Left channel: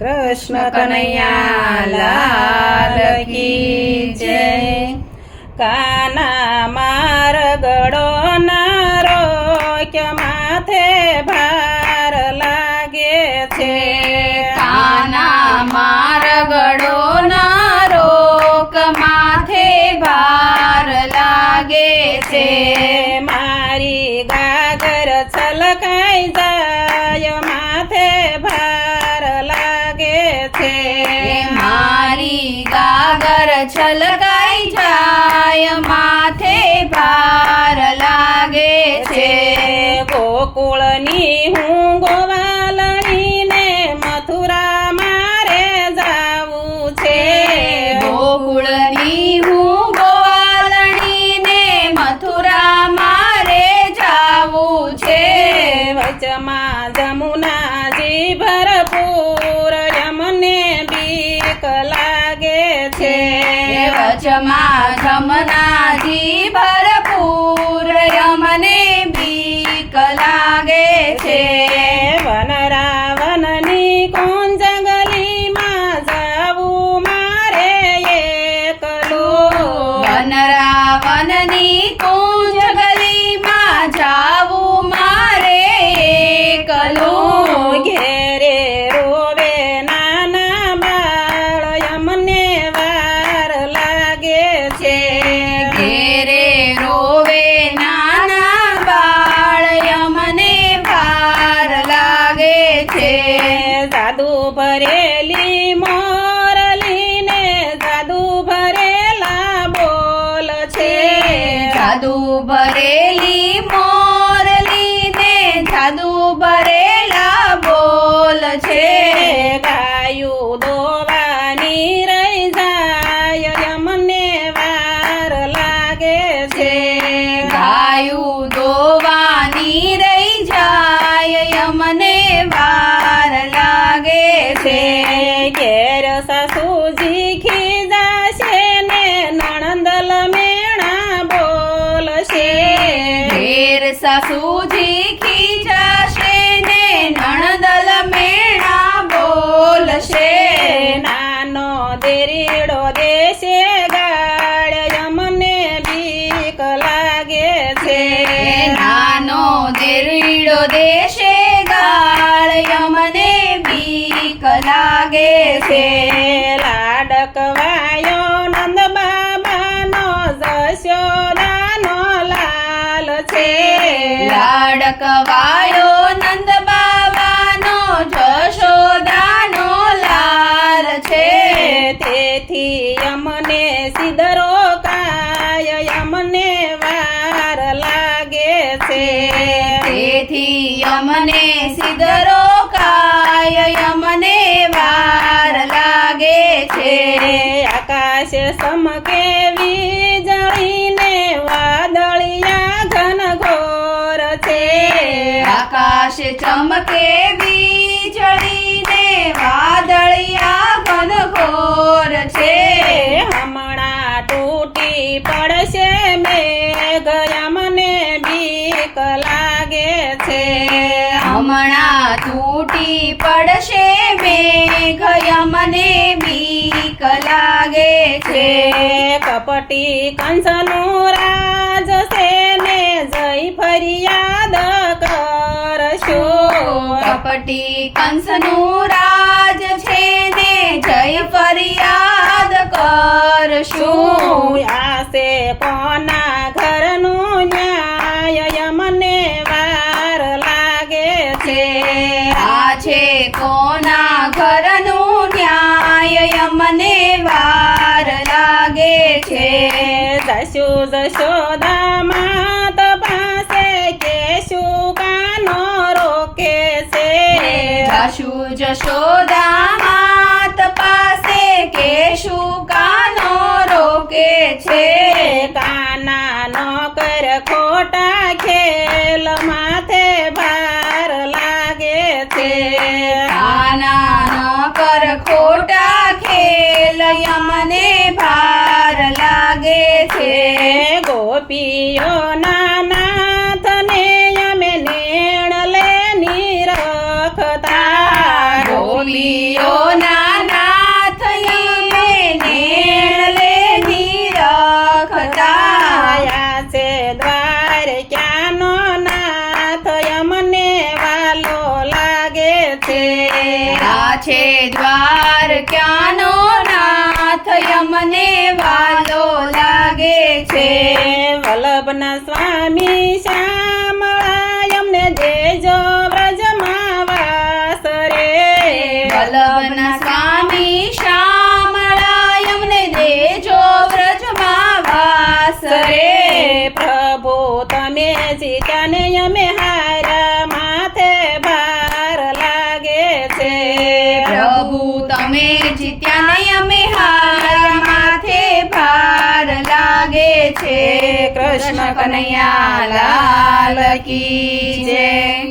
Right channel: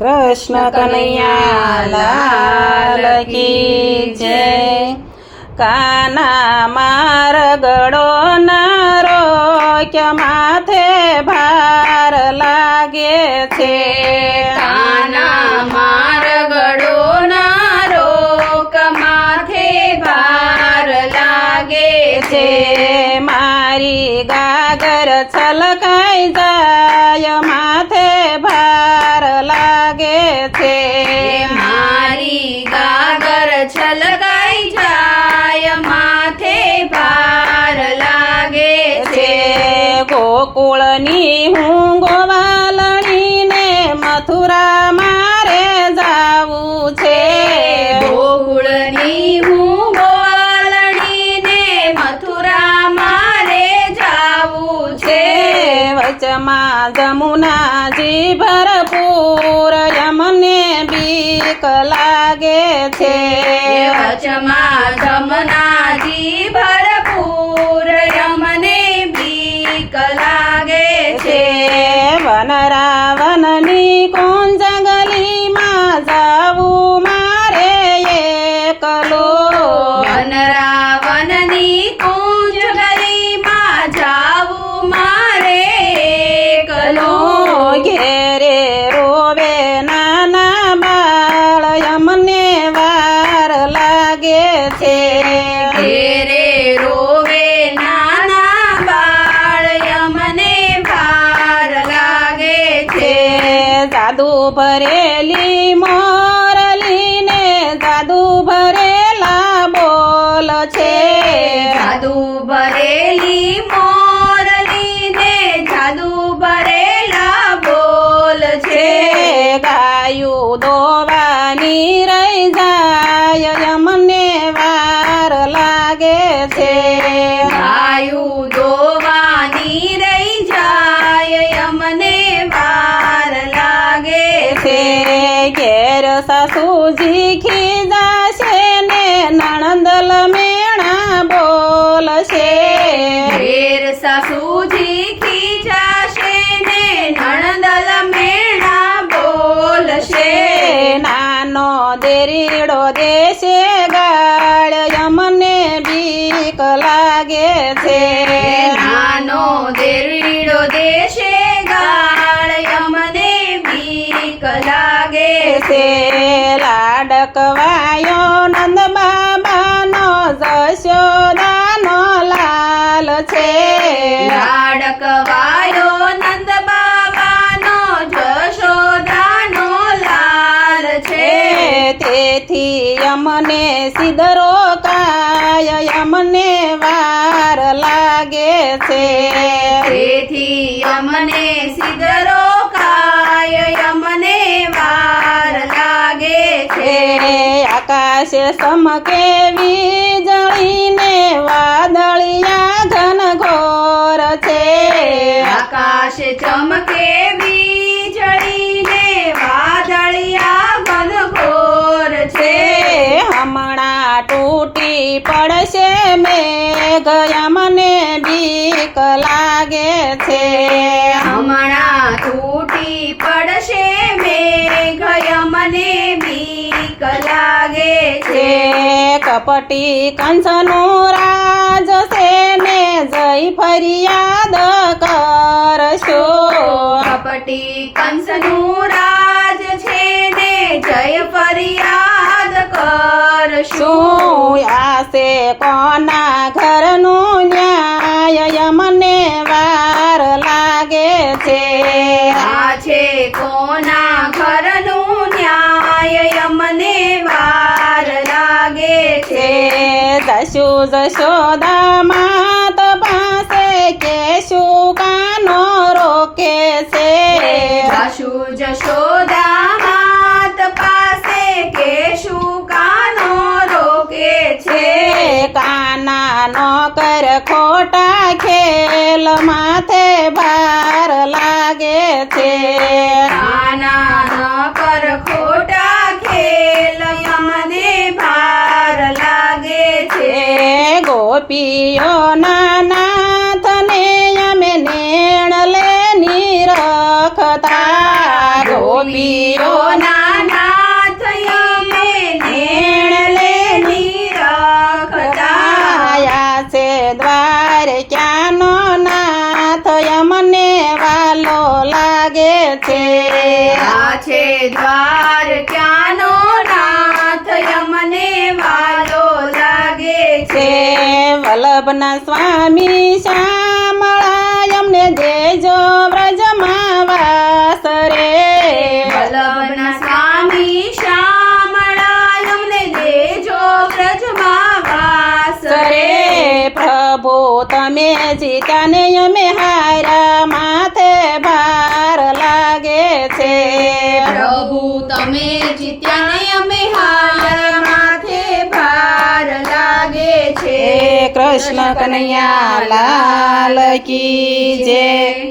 કૃષ્ણ કનૈયા લાલ કી જય. કાના માર ગળો નારો કે માથે ભાર લાગે છે. કાના માર ગળો નારો કે માથે ભાર લાગે છે. મારી ગાગર છલકાઈ જાય માથે ભાર લાગે છે. મારી ગાગર છલકાઈ જાય માથે ભાર લાગે છે. ગોકુળની હું ગોવાલણીને મથુરા મારે જાવું છે. ગોકુળની હું ગોવાલણીને મથુરા મારે જાવું છે. વચમાં જમુનાજી ભરપૂર યમને બીક લાગે છે. વચમાં જમનાજી ભરપૂર યમને બીક લાગે છે. વન રાવણની કુંજ ગલીમાં જાવું મારે એકલો. વન રાવણની કુંજ ગલીમાં જાવું મારે એકલો. ઘેરે રોવે નાના બાળ યમને વાર લાગે છે. ઘેરે રોવે નાના બાળ યમને ભાર લાગે છે. જાદુ ભરેલી મોરલીને જાદુ ભરેલા બોલ છે. જાદુ ભરેલી મોરલીને જાદુ ભરેલા બોલ છે. ગાયું દોવાની રહી જાય યમને વાર લાગે છે. ગાયું દોવાની રહી જાય યમને વાર લાગે છે. ઘેર સાસુજી ખીજાશે ને નણંદલ મેણા બોલશે. ઘેર સાસુજી ખીજાશે ને નણંદલ મેણા બોલશે. નાનો દેરીડો દેશે ગાળ યમને બીક લાગે છે. નાનો દેરીડો દેશે ગાળ યમને બીક લાગે છે. લાડકવાયો નંદ બાબાનો જશોદાનો લાલ છે. લાડકવાયો નંદ બાબાનો જશોદાનો લાલ છે. તેથી અમને સિદરો કાય યમને વાર લાગે છે. તેથી અમને સિદરો કાય યમને વાર લાગે છે. આકાશ સમકે વીજળીને વાદળિયા ઘન ઘોર છે. આકાશ ચમકે વીજળીને વાદળિયા ઘનઘોર છે. હમણાં તૂટી પડશે મેઘ યમને બીક લાગે છે. હમણાં તૂટી પડશે મેઘ યમને બીક લાગે છે. કપટી કંસનું રાજ છે ને જય ફરિયાદ કરશો. કપટી કંસનું રાજ છે ને જય ફરિયાદ કરશું. શું આશે કોના ઘરનું ન્યાય યમને વાર લાગે છે. આ છે કોના ઘરનું ન્યાય યમને વાર લાગે છે. જશુ જશોદા માત પાસે કેશું કાનો રોકે છે. જાશુ જશોદા માત પાસે કેશું કાનો રોકે છે. કાના નો કર ખોટા ખેલ માથે ભાર લાગે છે. કાના નો કર ખોટા ખેલ યમને ભાર લાગે છે. ગોપીઓ નાનાથને યમે નેણ લે નિરખતા. ગોપીઓ નાથ અમે નેણલે નિરખતા આયા છે દ્વાર ક્યાંનો નાથ અમને વાલો લાગે છે આ છે દ્વાર ક્યાંનો નાથ અમને વાલો લાગે છે વલ્લભના સ્વામી શ્યામળા અમને દેજો વ્રજમાં વાસ રે વલ્લભના સ્વામી શ્યામળા અમને દેજો વ્રજમાં વાસ રે પ્રભુ તમે જીત્યા ને અમે હાર્યા માથે ભાર લાગે છે પ્રભુ તમે જીત્યા ને અમે હાર્યા માથે ભાર લાગે છે કૃષ્ણ કનૈયા લાલ કી જય